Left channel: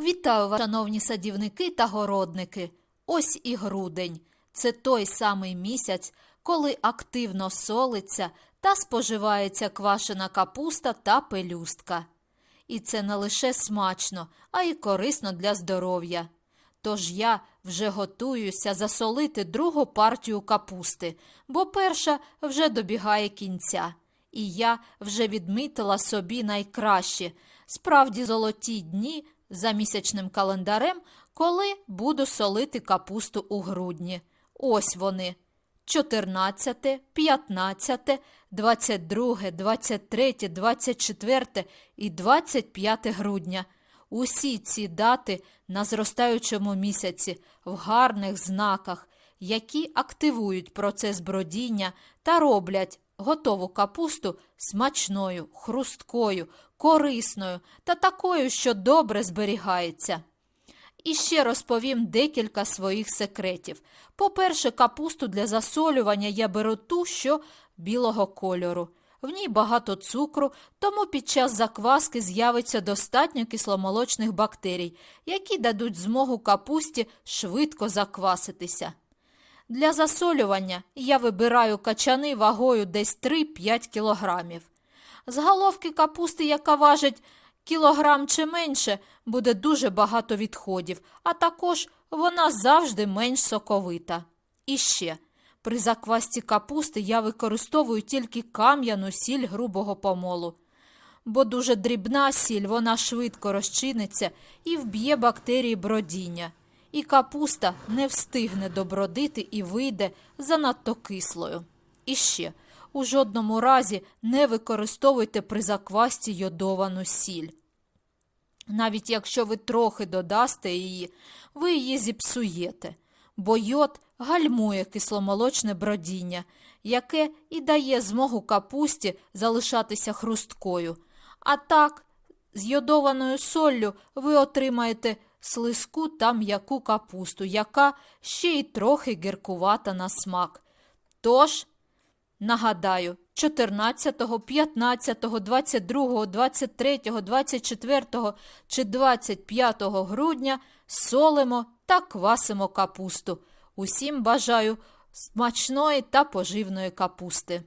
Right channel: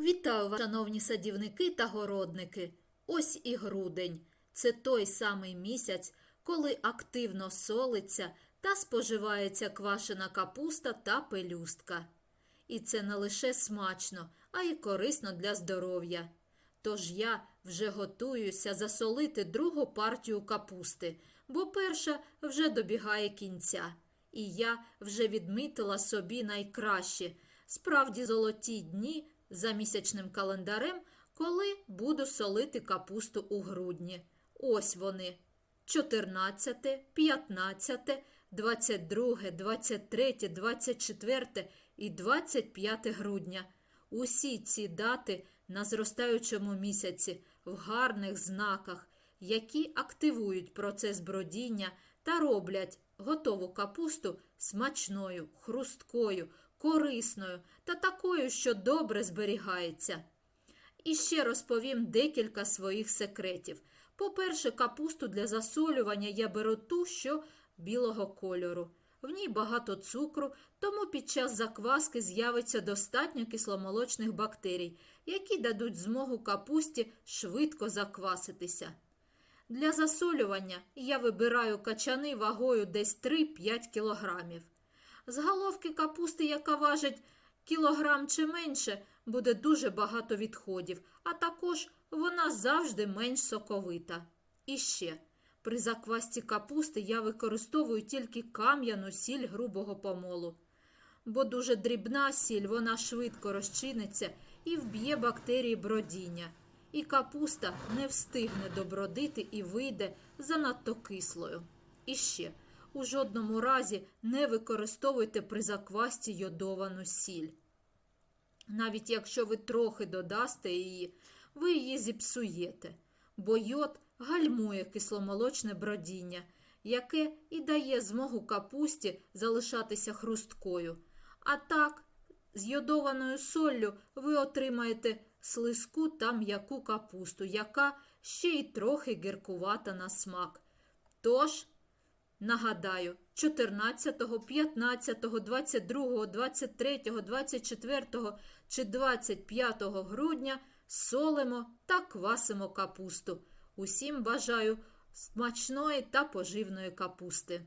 Вітаю вас, шановні садівники та городники. Ось і грудень. Це той самий місяць, коли активно солиться та споживається квашена капуста та пелюстка. І це не лише смачно, а й корисно для здоров'я. Тож я вже готуюся засолити другу партію капусти, бо перша вже добігає кінця. І я вже відмітила собі найкращі, справді золоті дні за місячним календарем, коли буду солити капусту у грудні. Ось вони. 14, 15, 22, 23, 24 і 25 грудня. Усі ці дати на зростаючому місяці в гарних знаках, які активують процес бродіння та роблять готову капусту смачною, хрусткою, корисною та такою, що добре зберігається. І ще розповім декілька своїх секретів. По-перше, капусту для засолювання я беру ту, що білого кольору. В ній багато цукру, тому під час закваски з'явиться достатньо кисломолочних бактерій, які дадуть змогу капусті швидко закваситися. Для засолювання я вибираю качани вагою десь 3-5 кілограмів. З головки капусти, яка важить кілограм чи менше, буде дуже багато відходів, а також вона завжди менш соковита. І ще, при заквасці капусти я використовую тільки кам'яну сіль грубого помолу, бо дуже дрібна сіль, вона швидко розчиниться і вб'є бактерії бродіння. І капуста не встигне добродити і вийде занадто кислою. І ще, у жодному разі не використовуйте при заквасці йодовану сіль. Навіть якщо ви трохи додасте її, ви її зіпсуєте, бо йод гальмує кисломолочне бродіння, яке і дає змогу капусті залишатися хрусткою. А так, з йодованою соллю ви отримаєте слизьку та м'яку капусту, яка ще й трохи гіркувата на смак. Тож, Нагадаю, 14, 15, 22, 23, 24 чи 25 грудня солимо та квасимо капусту. Усім бажаю смачної та поживної капусти.